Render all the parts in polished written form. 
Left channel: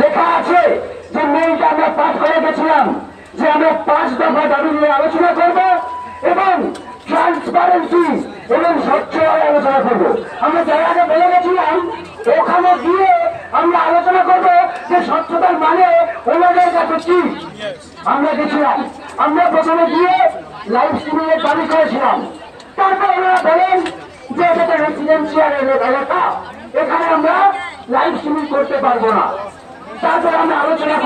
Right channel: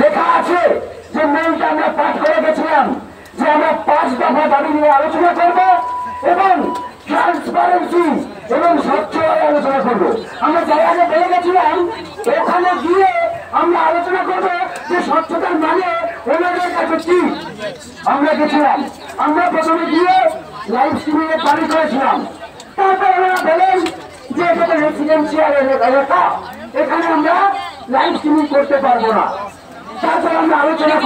লেখা আছে যে মেইলটা আমরা পাঠ করে গেছিলাম যে আমরা 5 দফা দাবি নিয়ে আলোচনা করব এবং ট্রান্সপারেন্সি এবং স্বচ্ছভাবে আলোচনা করব। আমরা যারা আগে বলে গেছিলাম ওখানে গিয়ে আমরা আলোচনা করব যে স্বচ্ছতার মানে ওনাদের কাছে কি। আমরা গেছিলাম, আমরা প্রথমে গিয়ে লাইভ স্ট্রিমিং এর দাবি করেছিলাম। তারপর ওনারা বলেন যে এটা তো রেসিডেন্সিয়াল এলাকা, এখানে আমরা লাইভ স্ট্রিমিং করতে পারবো না। তারপর আমরা আলোচনা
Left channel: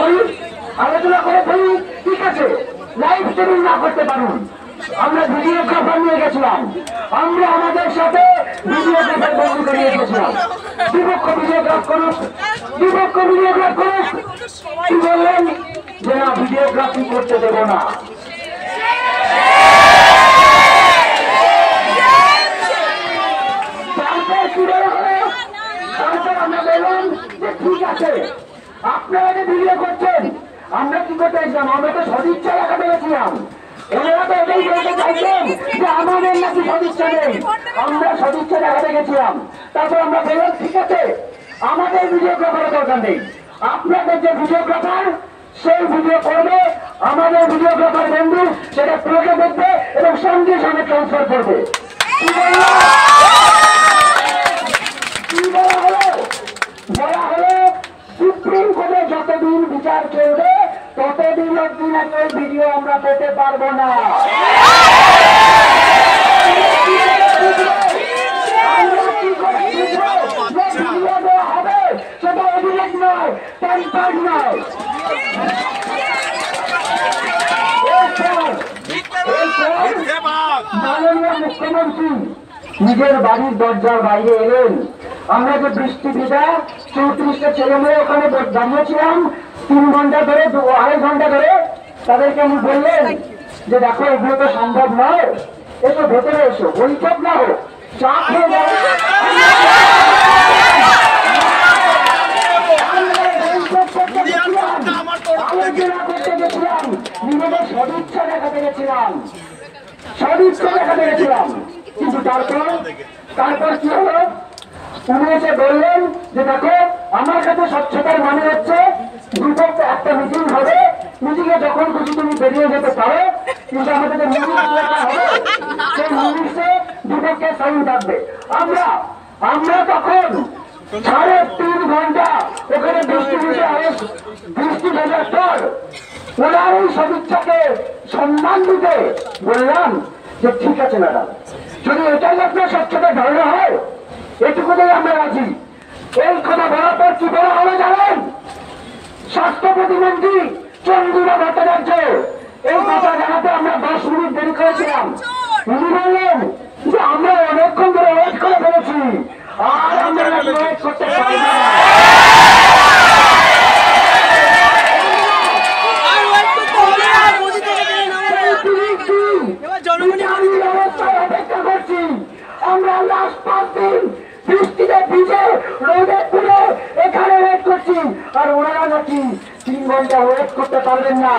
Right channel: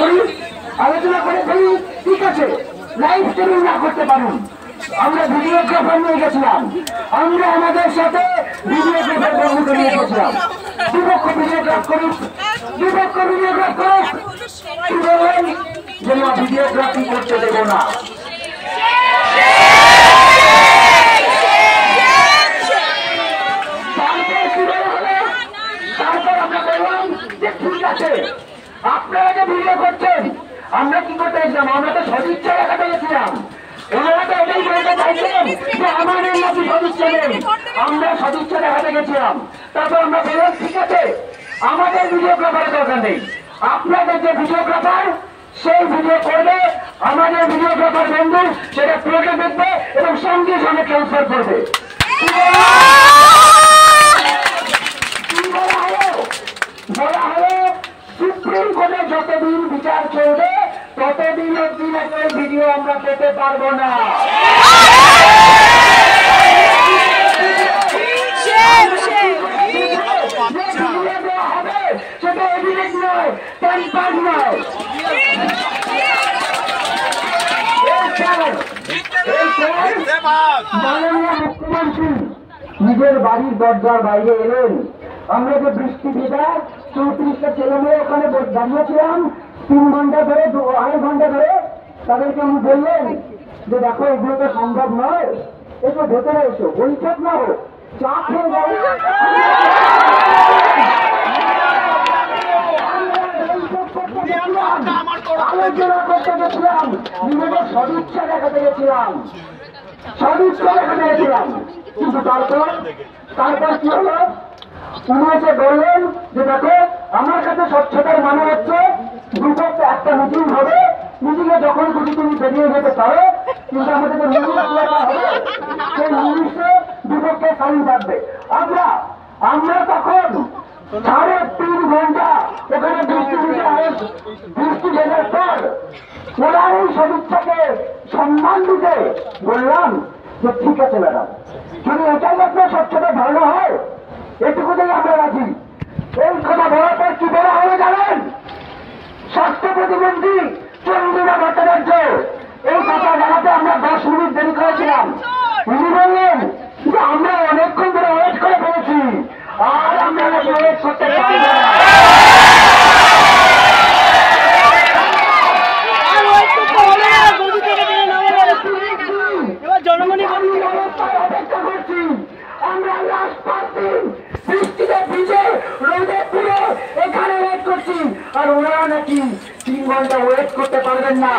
করে বলি ঠিক আছে লাইভ স্ট্রিমিং না করতে পারুন। আমরা ভিডিওগ্রাফার নিয়ে গেছিলাম, আমরা আমাদের সাথে ভিডিওগ্রাফার বন্ধুকে নিয়ে গেছিলাম। বিপক্ষ ভিডিওগ্রাফ করুক কি বললেন যে না ভিডিওগ্রাফি করতে দেব না। তারপর আমরা বললাম যে ঠিক আছে আপনারা যে ভিডিও করছেন আমরা কি করতে চাইছিলাম, আমরা তো সদিচ্ছা দেখাতে গেছিলাম। এনারা তো এটাই বলতে চাইছেন যে আমাদের নাকি সদিচ্ছা নেই, আমরা সদিচ্ছা দেখাতে গেছিলাম। তারপর আমরা বললাম ঠিক আছে আমাদের ভিডিওগ্রাফারের দরকার নেই, আপনাদের যে ভিডিওগ্রাফার সেই ভিডিও করবে, আমাদের ভিডিওগ্রাফার বন্ধু সেটা প্লেটে দেখবে এবং সঙ্গে সঙ্গে ট্রান্সফার করবে। বলা হলো সুপ্রিম কোর্টে যতদিন বিচার চলবে ততদিন অব্দি নাকি ভিডিও আমরা পেতে পারবো না। সেটা অভিযোগ নয়, টাইম নয়। মাননীয় মুখ্যমন্ত্রী নিজের বাড়ির দরজার বাইরে এলেন। আমরা যে বৃষ্টি ভেজা 34টা ছেলে মেয়ে ওখানে দাঁড়িয়েছিলাম 3 ঘন্টা ধরে 2.5 ঘন্টা ধরে, তাদেরকে আমি বললেন যে দেখো এগুলো তো সম্ভব নয়, এসো ভেতরে এসো, বৈঠক না হোক, চা খেয়ে যাও। আলোচনা করতে গেছিলাম, নিজেদের সদিচ্ছা দেখাতে গেছিলাম, কিন্তু তারপর কি হলো, উনি এসে বললেন যে দেখো আমার কাছে স্বচ্ছতার মানে হচ্ছে দুপক্ষে একটা মিটিং হবে, মিটিংয়ে যখন খুশি তুমি বেরিয়ে যেতে পারো, কিন্তু আমাদের যে মিটিং হবে সেই মিটিংসে দুপক্ষে সাইন থাকবে। আমরা তখন 3.5 ঘন্টা ওখানে বৃষ্টি ভেজার পর ওনার এই সদিচ্ছাকে সম্মান দিতে বললাম যে ঠিক আছে ম্যাডাম, যদি এটাই আপনার স্বচ্ছতা ধারণা হয় এটুকুতেই আমরা রাজি। এই কথা বলার পর কি বলা হলো জানেন, স্বাস্থ্য প্রতিমন্ত্রী চন্দ্রিমা ভট্টাচার্য এই কথা জানাতে আমরা 10 মিনিট দেরি করেছিলাম। উনি বললেন যে আমরা অনেকক্ষণ ধরে ওয়েট করে ফেলেছি, আর আমরা ওয়েট করতে পারি না। অপেক্ষা করছি আমরা লাস্ট 5 দিন বৃষ্টিতে ভিজে রোদে পুড়ে এখানে ওয়েট করছি, আর ওনারা নাকি 3 ঘন্টা ওয়েট করতে পারবেন না।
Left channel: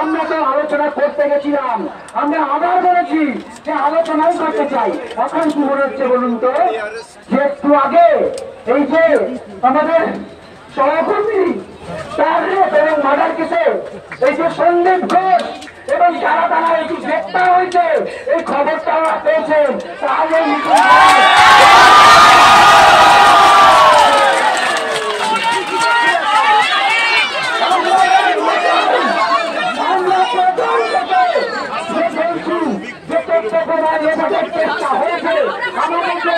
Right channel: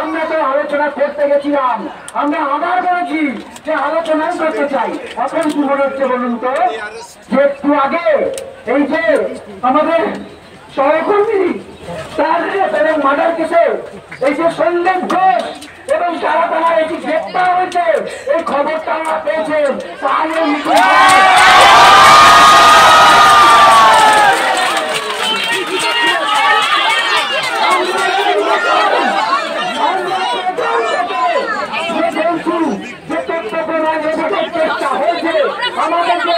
আমরা তো আলোচনা করতে গেছিলাম, আমরা আবার বলেছি যে আলোচনাই করতে চাই। এখন কি মনে হচ্ছে বলুন তো, যে একটু আগে এই যে আমাদের সহকর্মী তার এবং মার্ডার কেসে এই যে সন্দীপ ঘোষ এবং যারা তারা এটি গ্রেপ্তার হয়েছে এই খবরটা পেয়েছেন, তাহলে